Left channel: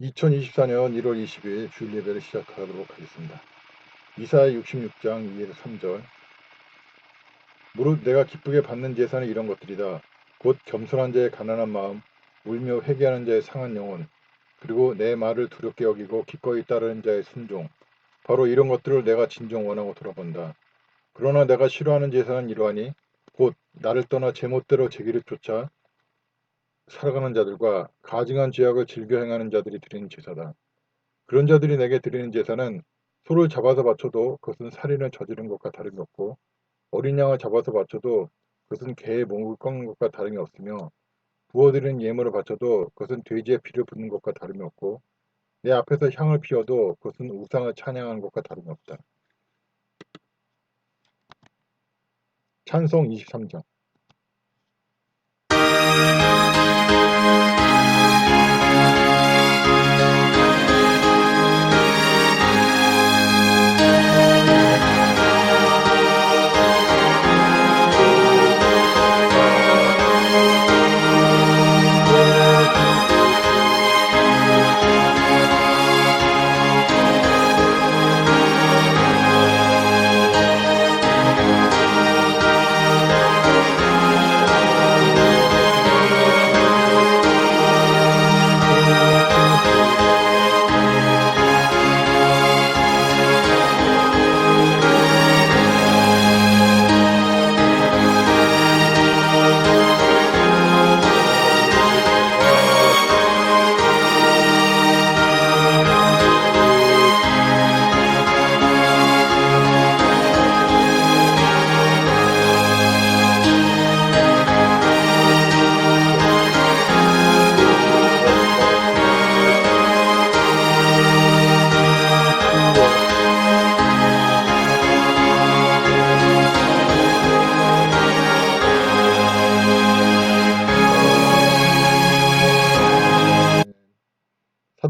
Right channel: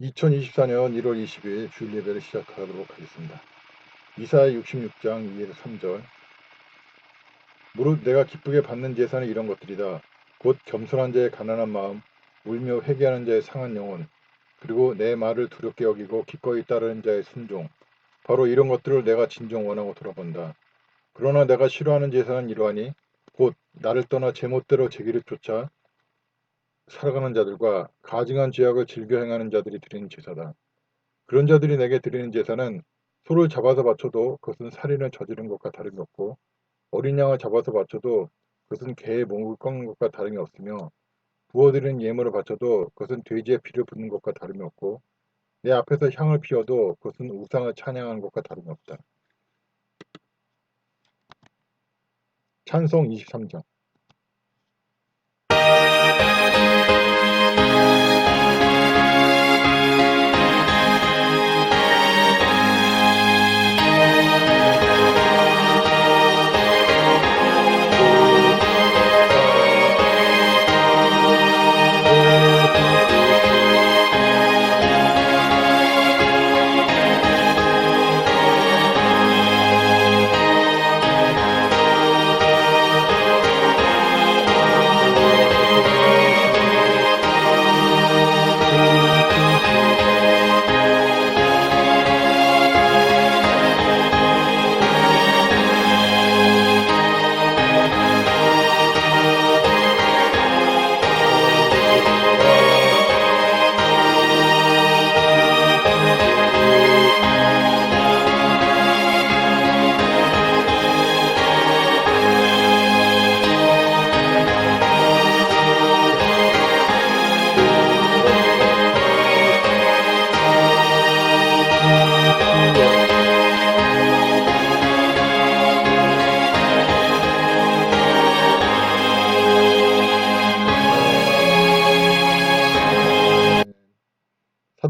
2024년 1월 20일 주일 예배를 시작하도록 하겠습니다. 이사야 66장 2에서 3절. 무릇 내가 기쁘게 받는 제사는 이런 것들이다. 곧 겸손한 자의 가난한 마음, 울며 회개하는 자의 상한 영혼, 그리고 내 말을 두렵게 여기고 기꺼이 따르는 자의 순종. 바로 이런 것들을 내가 진정 원하고 돌아본다. 그러나 내가 싫어하는 제사는 이러하니 곧 나를 떠나 제멋대로 제 길을 쫓아 살아가는 자들과 가증한 죄악을 즐겨 행하는 자들이 드리는 제사다. 그런 자들이 내게 드리는 제사는 소를 잡아서 바쳐도 그것은 살인을 저지른 것과 다름이 없고 어린 양을 잡아서 바쳐도 그것은 개의 목을 꺾는 것과 다름이 없으며 부어드리는 예물을 바쳐도 그것은 돼지의 피를 붓는 것과 다름이 없고 내 앞에서 향을 피워도 그것은 우상을 찬양하는 것과 다름이 없다. 찬송 23장.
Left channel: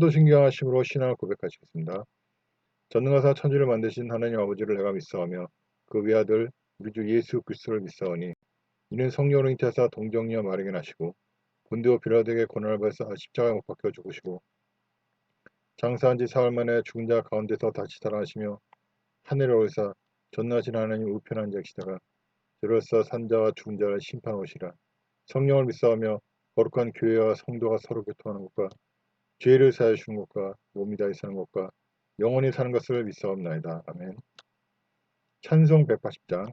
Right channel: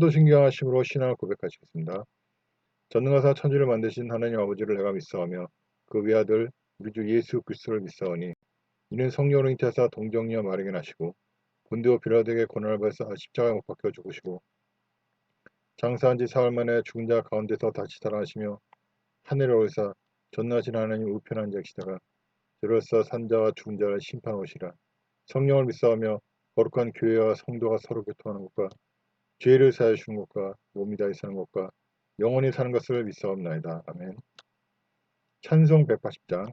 사도신경하심으로 신앙을 고백하시겠습니다. 전능하사 천지를 만드신 하나님 아버지를 내가 믿사오며 그 외아들 우리 주 예수 그리스도를 믿사오니 이는 성령으로 잉태하사 동정녀 마리아에게 나시고 본디오 빌라도에게 고난을 받으사 십자가에 못 박혀 죽으시고 장사한 지 사흘 만에 죽은 자 가운데서 다시 살아나시며 하늘에 오르사 전능하신 하나님 우편한 자시다가 저로서 산자와 죽은 자를 심판하시라. 성령을 믿사오며 거룩한 교회와 성도가 서로 교통하는 것과 죄를 사하여 주는 것과 몸이 다히 사는 것과 영원히 사는 것을 믿사옵나이다. 아멘. 찬송 180장.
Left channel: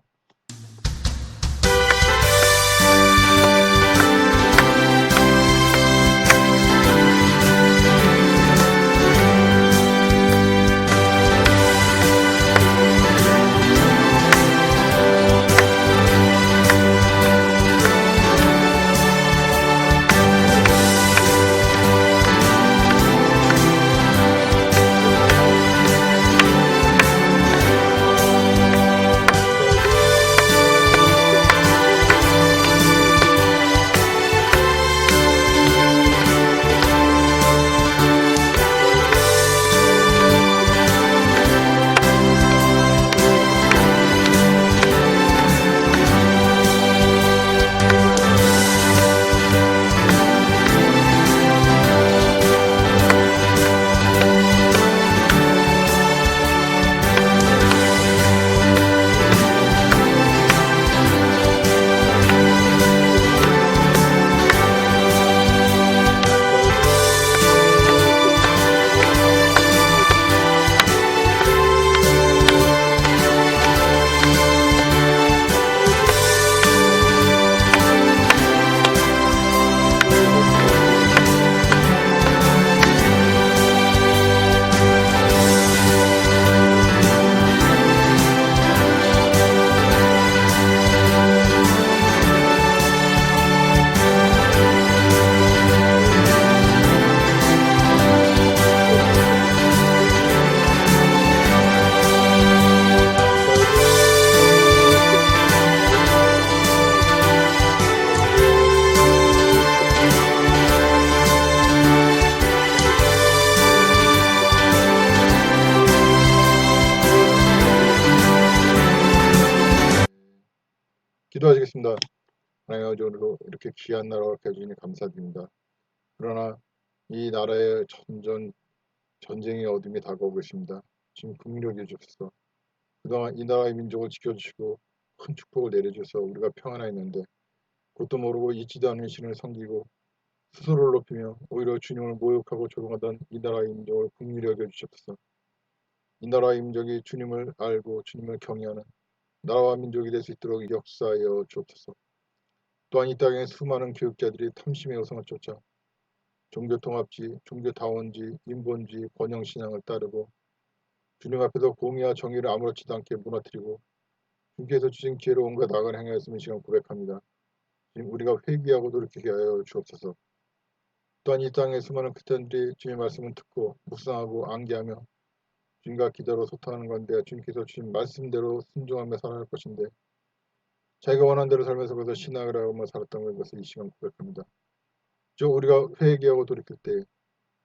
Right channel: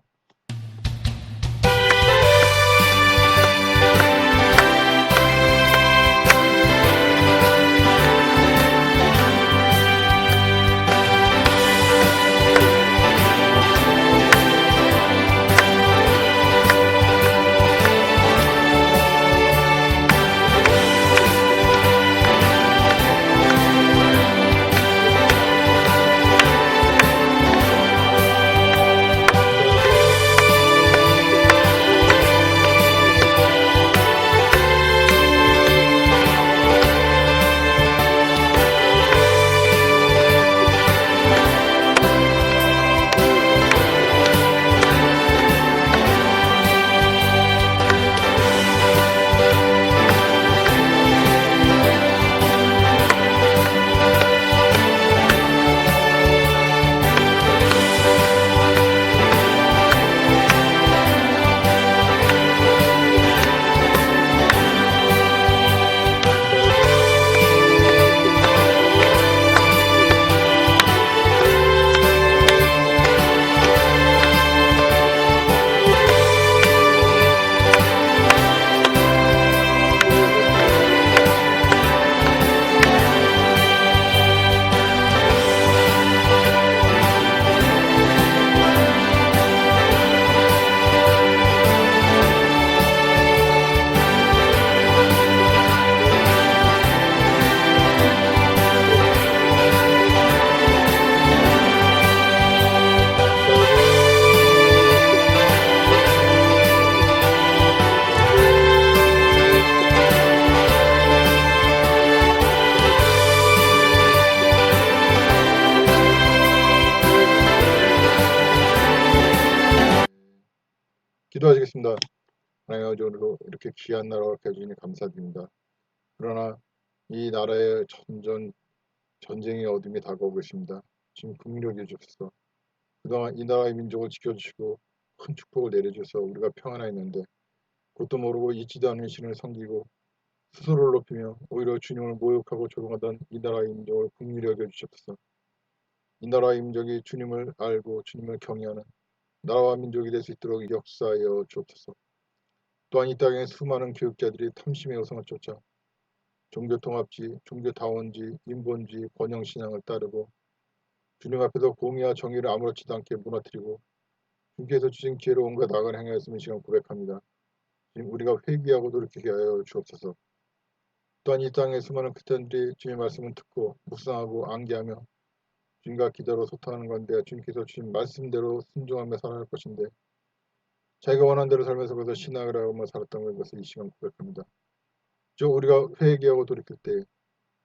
기도하시겠습니다. 하나님 아버지, 오늘도 이렇게 귀한 나라를 해주니 감사드립니다. 그러나 이 나라에 점점 전쟁의 어둠이 다가오고 있습니다. 지금 긍휼히 여겨주소서. 그동안 이 나라의 민족을 지켜주시고 큰 축복을 내려주셔서 우리가 평안했는데 그것도 모르고 잊지도 않은 신을 섬기고 스스로를 높이며 오히려 주님을 모욕하고 조롱하던 이 나라의 민족을 긍휼히 여겨주셨소서. 이 나라의 민족이 주님을 알고 주님을 경외하는 나라와 민족이 될 수 있도록 역사하여 주옵소서. 또한 이 땅에 수많은 교육자들이 탐심의 여성을 쫓아 종교통합지, 종교다원지, 인본주의, 번영신앙을 따르고 주님 앞에서 공의와 정의를 아무렇지도 않게 무너뜨리고 주께서 주신 기회로 온갖 악을 행하였음을 지금 고백합니다. 지금 우리가 회개하고 돌이키게 하여 주옵소서. 또한 이 땅의 수많은 크리스천들이 주님의 말씀을 듣고 묵상하고 암기하며 주님과 기도로 소통하는 건데 주님께서 주신 말씀대로 순종하며 살아갈 것인데 자기가 원하는 대로 살면서 그래서 신앙을 하며 살았던 것을 이 시간 고백합니다. 즉 우리가 회개하고 돌이킬 때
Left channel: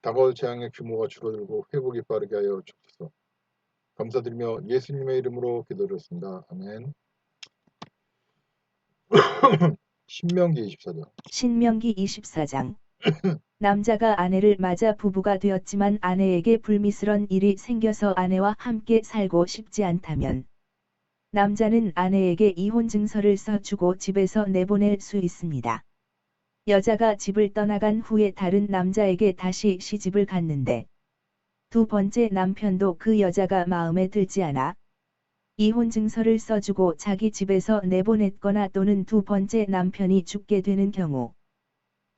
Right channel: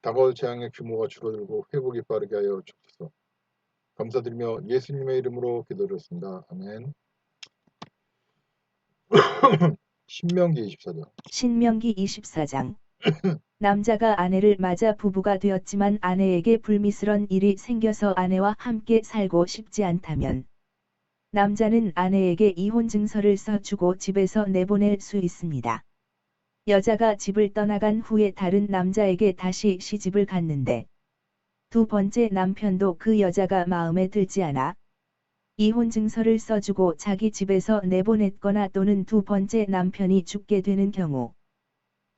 다가올 재앙의 규모가 줄어들고 회복이 빠르게 하여 주옵소서. 감사드리며 예수님의 이름으로 기도드렸습니다. 아멘. 신명기 24장. 신명기 24장. 남자가 아내를 맞아 부부가 되었지만 아내에게 불미스런 일이 생겨서 아내와 함께 살고 싶지 않다면 남자는 아내에게 이혼 증서를 써주고 집에서 내보낼 수 있습니다. 여자가 집을 떠나간 후에 다른 남자에게 다시 시집을 갔는데 두 번째 남편도 그 여자가 마음에 들지 않아 이혼 증서를 써주고 자기 집에서 내보냈거나 또는 두 번째 남편이 죽게 되는 경우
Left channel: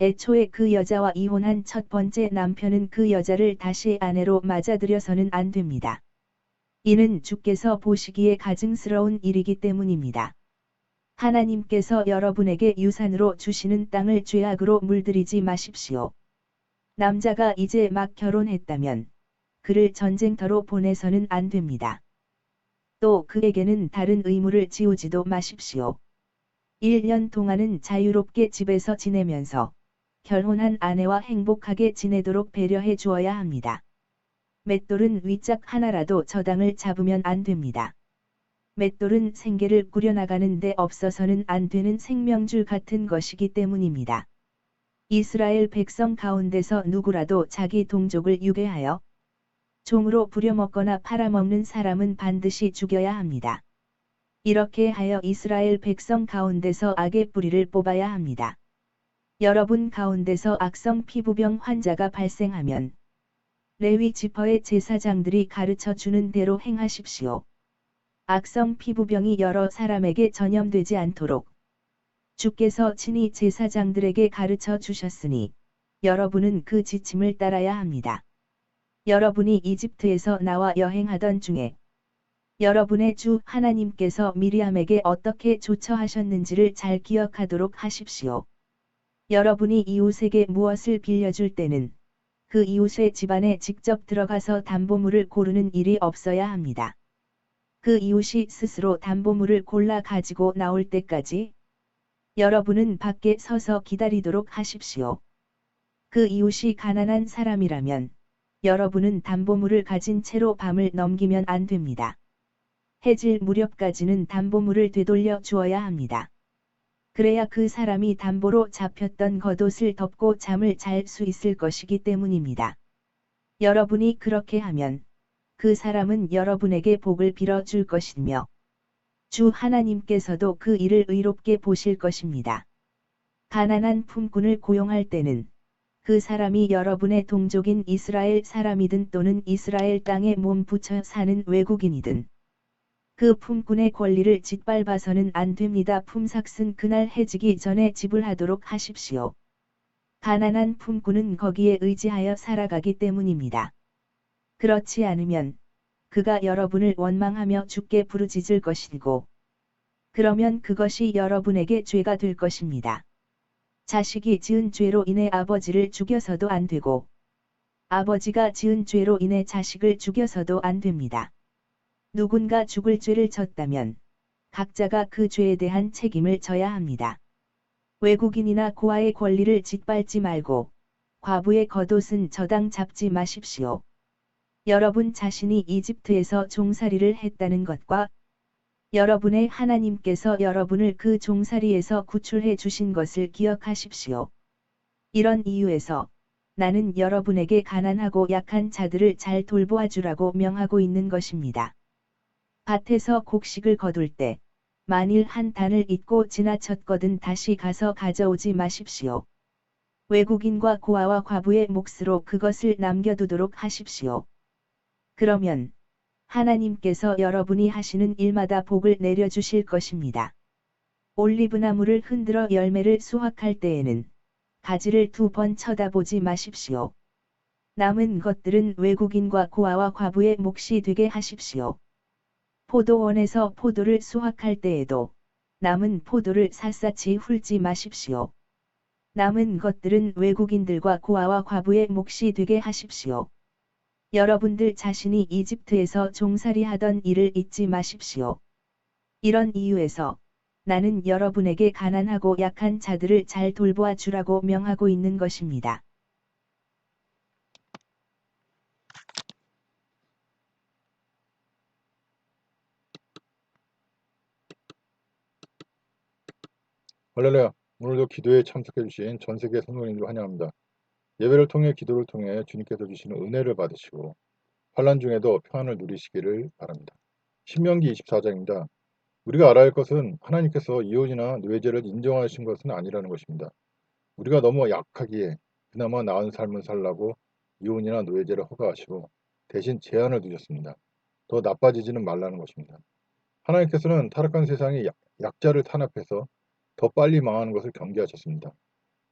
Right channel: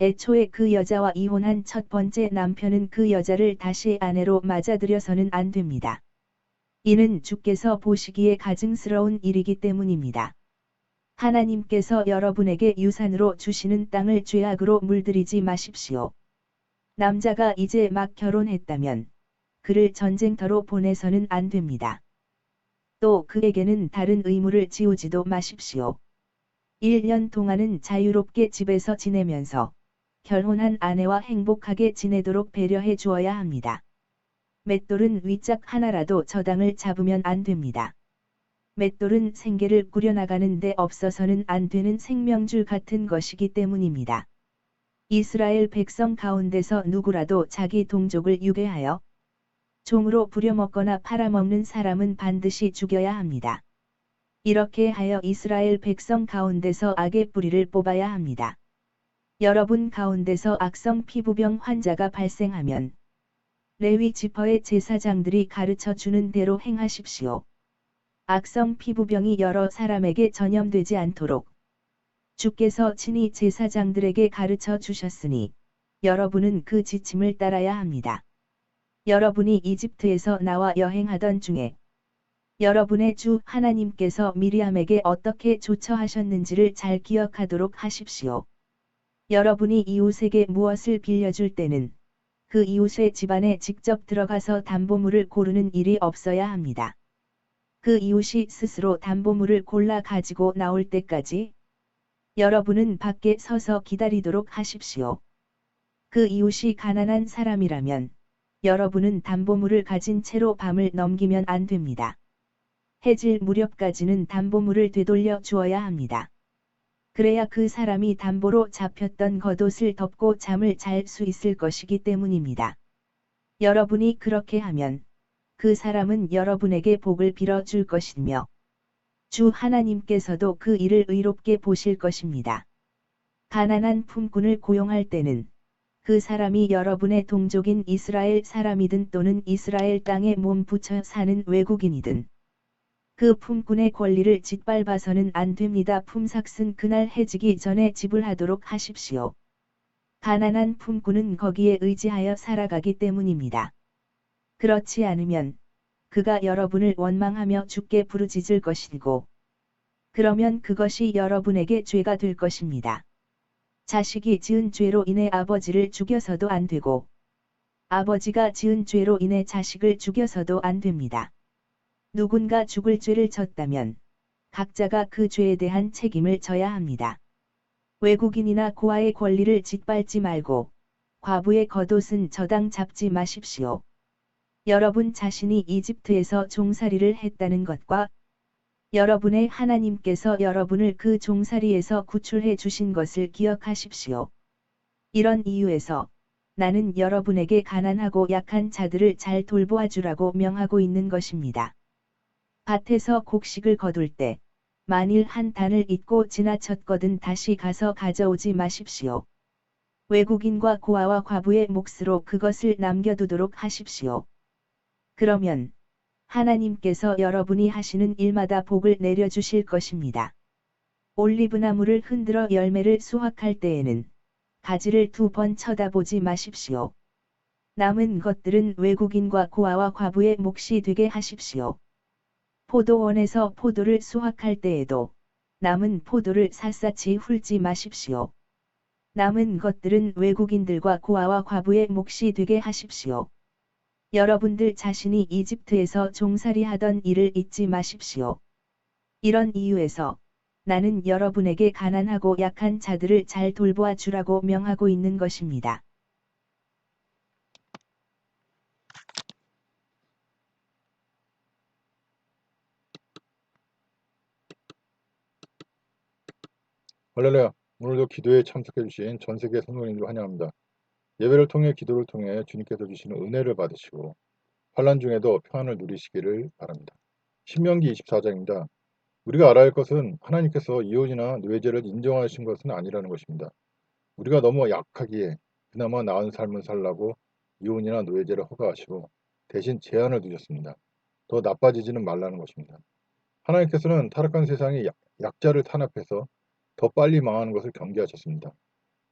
애초에 그 여자와 이혼한 첫 번째 남편은 그 여자를 다시 아내로 맞아들여서는 안 됩니다. 이는 주께서 보시기에 가증스러운 일이기 때문입니다. 하나님께서 여러분에게 유산으로 주시는 땅을 죄악으로 물들이지 마십시오. 남자가 이제 막 결혼했다면 그를 전쟁터로 보내서는 안 됩니다. 또 그에게는 다른 의무를 지우지도 마십시오. 1년 동안은 자유롭게 집에서 지내면서 결혼한 아내와 행복하게 지내도록 배려해 주어야 합니다. 맷돌은 윗짝 하나라도 저당을 잡으면 안 됩니다. 맷돌은 생계를 꾸려나가는 데 없어서는 안 되는 생명줄 같은 것이기 때문입니다. 이스라엘 백성 가운데서 누구라도 자기 동족을 유괴하여 종으로 부려먹거나 팔아먹는 사람은 반드시 죽여야 합니다. 이렇게 하여 이스라엘 백성 가운데서 악의 뿌리를 뽑아야 합니다. 여러분 가운데서 악성 피부병 환자가 발생하면 레위 지파의 제사장들이 가르쳐 주는 대로 행하십시오. 악성 피부병이 여러 사람에게 전염되지 않도록 주께서 친히 제사장들에게 가르쳐 주셨으니 여러분은 그 지침을 따라야 합니다. 여러분이 이집트에서 나와 여행하던 중에 여러분의 주 하나님께서 미리암에게 어떻게 조처하셨는지를 잘 기억하도록 하십시오. 여러분이 이웃에게 무엇을 빌려줄 때는 그 이웃의 집안에 직접 들어가서 담보물을 고르는 일이 없어야 합니다. 그 이웃이 스스로 담보물을 골라 가지고 나올 때까지 여러분은 밖에 서서 기다리도록 하십시오. 그 이웃이 가난한 사람이라면 여러분은 담보물을 가진 채로 밤을 넘기면 안 됩니다. 해질 무렵까지는 담보물을 되돌려 주어야 합니다. 그래야 그 사람이 담보로 잡혔던 겉옷을 덮고 잠을 잘 수 있을 것이기 때문입니다. 여러분이 그렇게 하면 그 사람은 여러분에게 복을 빌어 줄 것이며 주 하나님께서도 그 일을 의롭게 보실 것입니다. 가난한 품꾼을 고용할 때는 그 사람이 여러분의 동족인 이스라엘 사람이든 또는 이스라엘 땅에 몸 붙여 사는 외국인이든 그 품꾼의 권리를 짓밟아서는 안 됩니다. 품삯은 그날 해지기 전에 지불하도록 하십시오. 가난한 품꾼은 거기에 의지하여 살아가기 때문입니다. 그렇지 않으면 그가 여러분을 원망하며 주께 부르짖을 것이고 그러면 그것이 여러분에게 죄가 될 것입니다. 자식이 지은 죄로 인해 아버지를 죽여서도 안 되고 아버지가 지은 죄로 인해 자식을 죽여서도 안 됩니다. 누군가 죽을 죄를 졌다면 각자가 그 죄에 대한 책임을 져야 합니다. 외국인이나 고아의 권리를 짓밟지 말고 과부의 겉옷은 저당 잡지 마십시오. 여러분 자신이 이집트에서 종살이를 했다는 것과 여러분의 하나님께서 여러분을 그 종살이에서 구출해 주신 것을 기억하십시오. 이런 이유에서 나는 여러분에게 가난하고 약한 자들을 잘 돌보아 주라고 명하고 있는 것입니다. 밭에서 곡식을 거둘 때 만일 한 단을 잊고 지나쳤거든 다시 가서 가져오지 마십시오. 외국인과 고아와 과부의 몫으로 그것을 남겨두도록 하십시오. 그러면 하나님께서 여러분이 하시는 일마다 복을 내려주실 것입니다. 올리브나무를 흔들어 열매를 수확할 때에는 가지를 2번 쳐다보지 마십시오. 남은 것들은 외국인과 고아와 과부의 몫이 되게 하십시오. 포도원에서 포도를 수확할 때에도 남은 포도를 샅샅이 훑지 마십시오. 남은 것들은 외국인들과 고아와 과부의 몫이 되게 하십시오. 여러분들 자신이 이집트에서 종살이하던 일을 잊지 마십시오. 이런 이유에서 나는 여러분에게 가난하고 약한 자들을 잘 돌보아 주라고 명하고 있는 것입니다. 할렐루야. 오늘도 기도에 참석해주신 전 세계 성도님들 환영합니다. 예배를 통해 기도를 통해 주님께서 주시는 은혜를 받으시고 환난 중에도 평안을 누리시기를 바랍니다. 신명기 24장입니다. 우리가 알아야 할 것은 하나님께서 이혼이나 뇌죄를 인정하신 것은 아니라는 것입니다. 우리가 너무 약하기에 그나마 나은 삶을 살라고 이혼이나 노예제를 허가하시고 대신 제한을 두셨습니다. 더 나빠지지는 말라는 것입니다. 하나님께서는 타락한 세상에 약자를 탄압해서 더 빨리 망하는 것을 경계하셨습니다.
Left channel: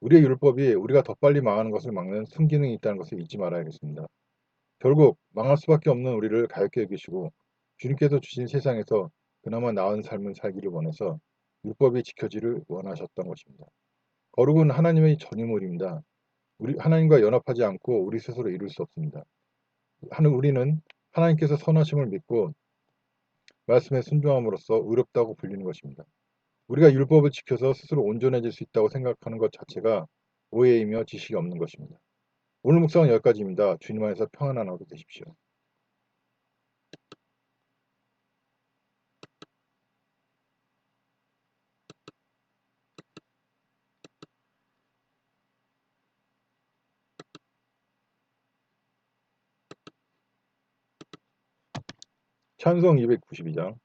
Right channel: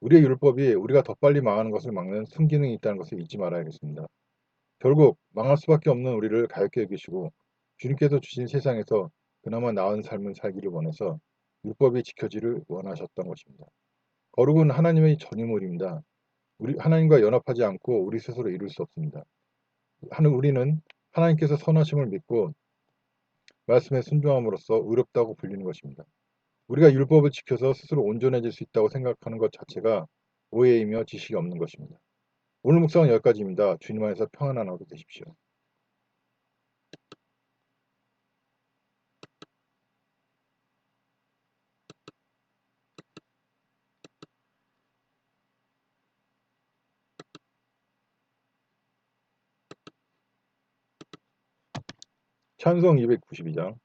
우리의 율법이 우리가 더 빨리 망하는 것을 막는 순기능이 있다는 것을 잊지 말아야겠습니다. 결국 망할 수밖에 없는 우리를 가볍게 여기시고 주님께서 주신 세상에서 그나마 나은 삶을 살기를 원해서 율법이 지켜지를 원하셨던 것입니다. 거룩은 하나님의 전유물입니다. 우리 하나님과 연합하지 않고 우리 스스로 이룰 수 없습니다. 우리는 하나님께서 선하심을 믿고 말씀에 순종함으로써 의롭다고 불리는 것입니다. 우리가 율법을 지켜서 스스로 온전해질 수 있다고 생각하는 것 자체가 오해이며 지식이 없는 것입니다. 오늘 묵상은 여기까지입니다. 주님 안에서 평안한 하루 되십시오. 찬송 292장.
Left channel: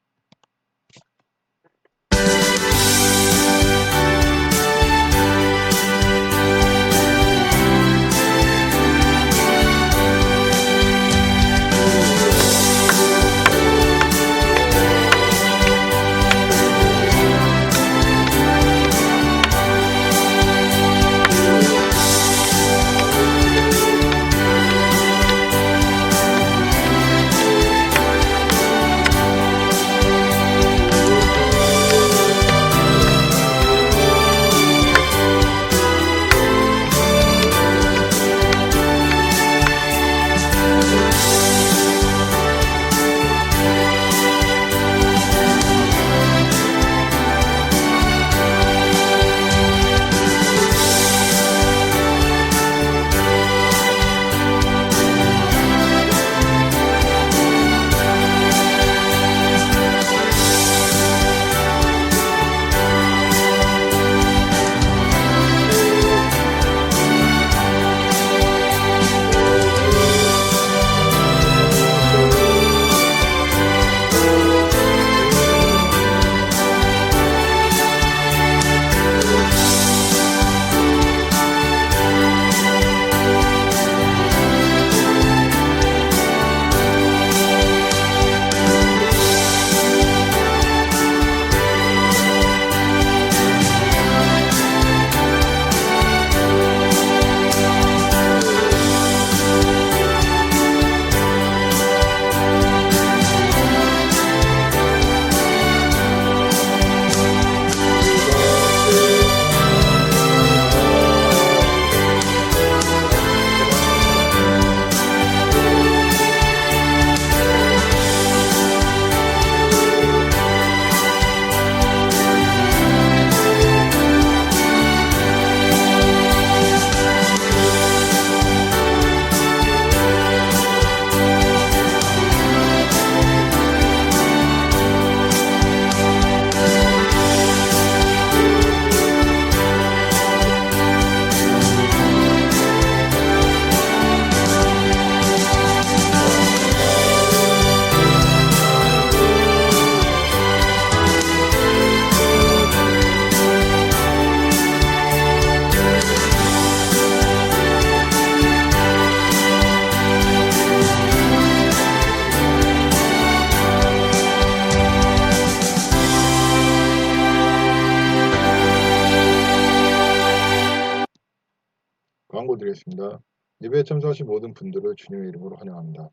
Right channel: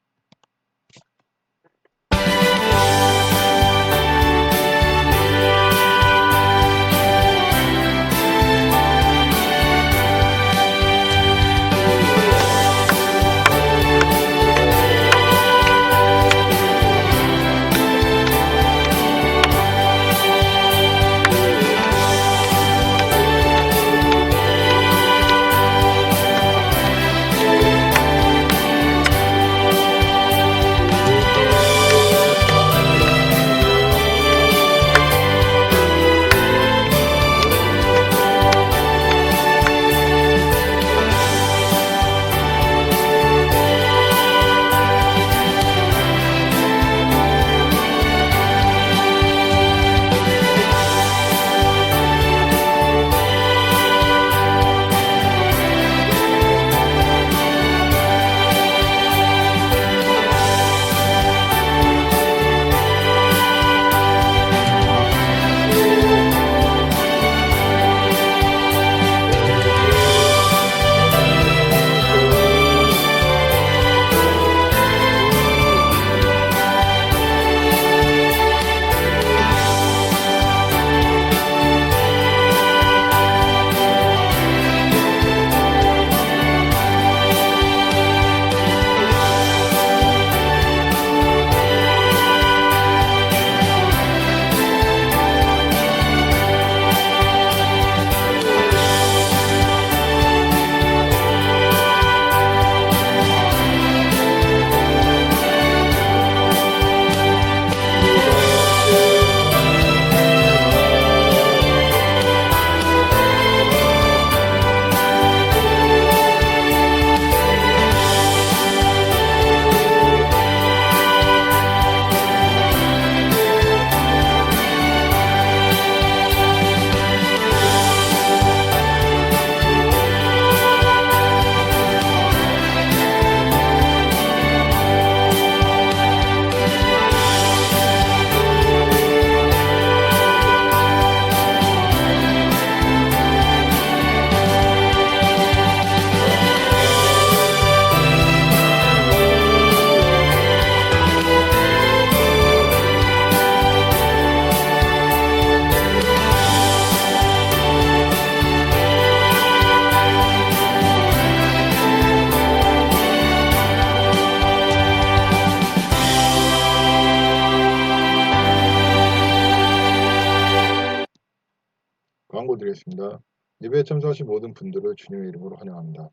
광고 드리겠습니다. 예배에 참석하신 모든 분들을 주님의 이름으로 환영합니다.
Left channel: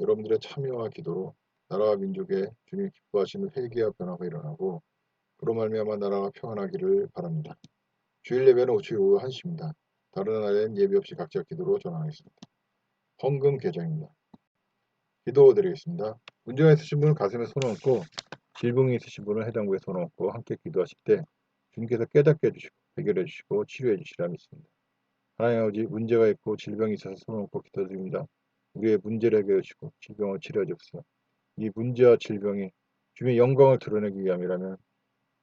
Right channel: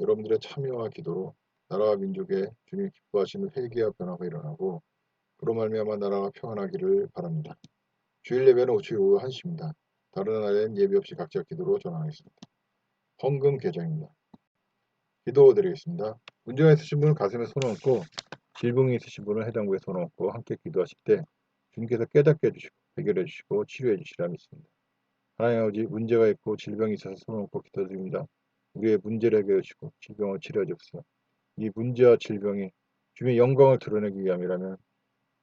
여러분들의 참여와 기도로 나라와 민족의 주님 기뻐하시는 회개와 변화가 일어나고 그로 말미암아 나라가 평안하기를 바랍니다. 주일 예배는 오후 1시입니다. 다른 날엔 예배 없이 각자 기도로 전환하겠습니다. 헌금 계정입니다. 기도 드리겠습니다. 문제가 있으신 분은 가슴에 손을 얹고 질병이 있으신 분은 해당부에 손을 얹고 함께 기도하실 때 주님께서 깨닫게 해주시고 해결해 주시고 치료해 주시라 믿습니다. 하나님 아버지 문제가 있고 질병이 있어서 손을 얹고 기도드립니다. 우리의 문제를 해결해 주시고 질병을 치료해 주옵소서. 이 문제와 질병이 주님의 영광을 드러내기 위함이라면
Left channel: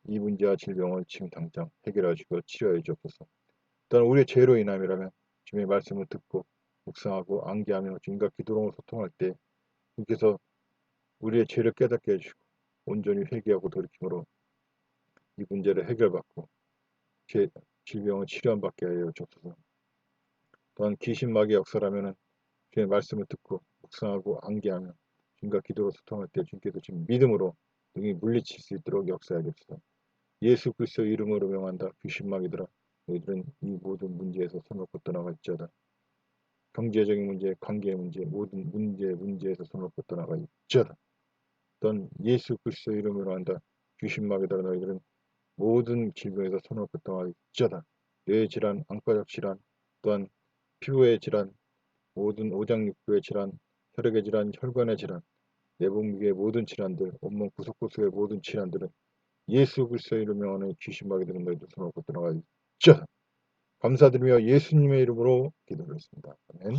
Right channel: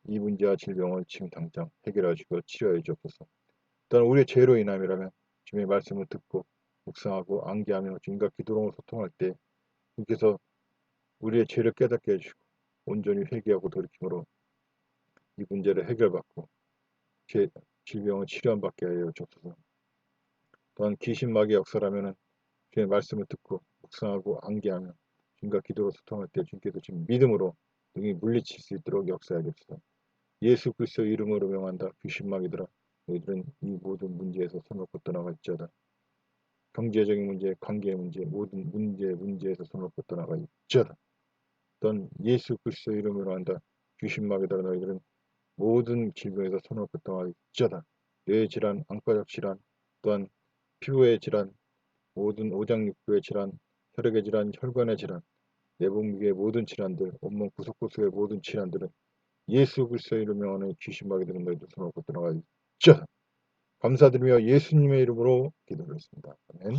이 문제와 질병을 지금 당장 해결해 주시고 치료해 주옵소서. 또한 우리의 죄로 인함이라면 주님의 말씀을 듣고 묵상하고 암기하며 주님과 기도로 소통할 때 주님께서 우리의 죄를 깨닫게 해주시고 온전히 회개하고 돌이킴으로 이 문제를 해결받고 질병을 치료받게 하여 주옵소서. 또한 귀신 마귀의 역사라면 주님의 말씀을 듣고 묵상하고 암기하며 주님과 기도로 소통할 때 주님께서 지금 믿음으로 능히 물리칠 수 있도록 역사하여 주옵소서. 예수 그리스도 이름으로 명한다. 귀신 마귀들아 너희들은 이 모든 문제에서 손을 놓고 떠나갈지어다. 경제적인 문제, 관계의 문제, 모든 문제에서 손을 놓고 떠나갈지어다. 또한 예수 그리스도 이름으로 한다. 귀신 마귀들아 너희들은 모든 질병에서 손을 놓고 떠나갈지어다. 뇌의 질환, 안과적 질환, 또한 피부의 질환, 모든 오장육부의 질환, 혈액의 질환, 혈관의 질환, 내분비의 모든 질환들, 온몸 구석구석의 모든 질환들은 예수 그리스도의 이름으로 명하는 귀신 마귀들은 너희들 손을 놓고 떠나갈지어다. 감사드리며 예수님의 이름으로 기도드렸습니다. 아멘.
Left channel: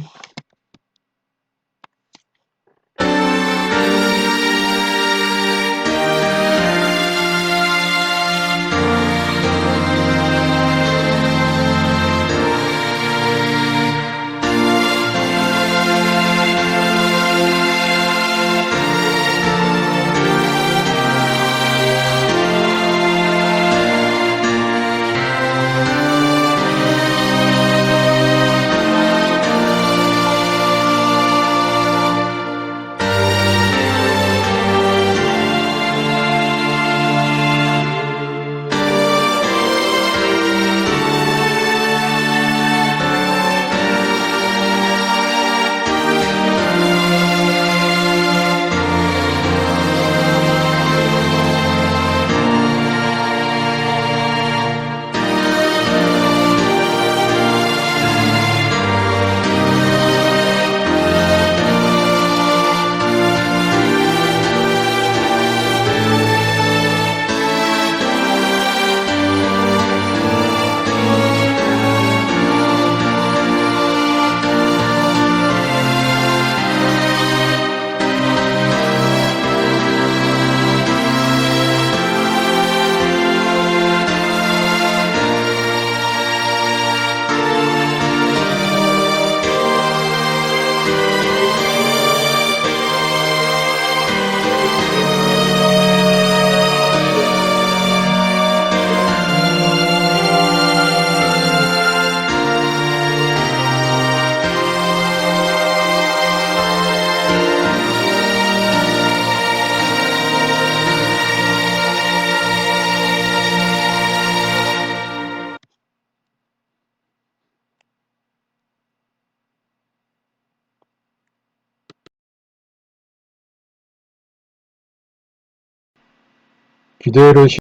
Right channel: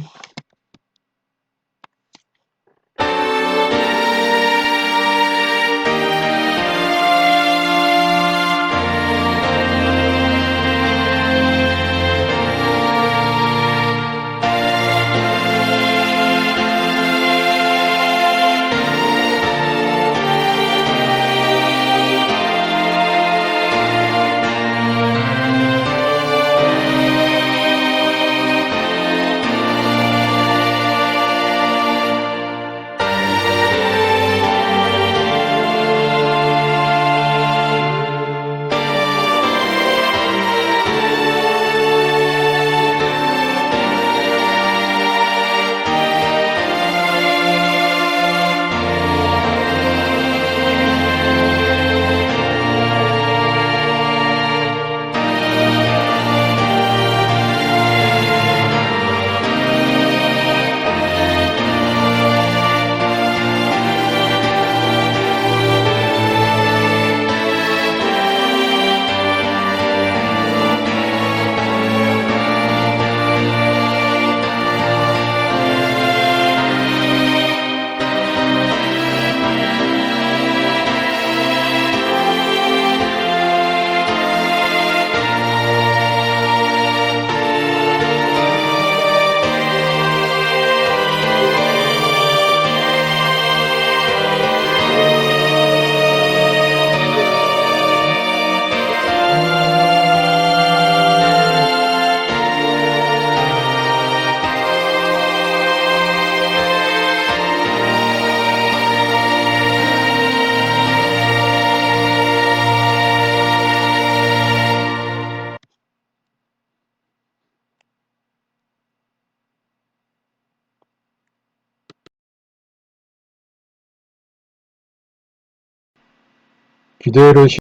기도를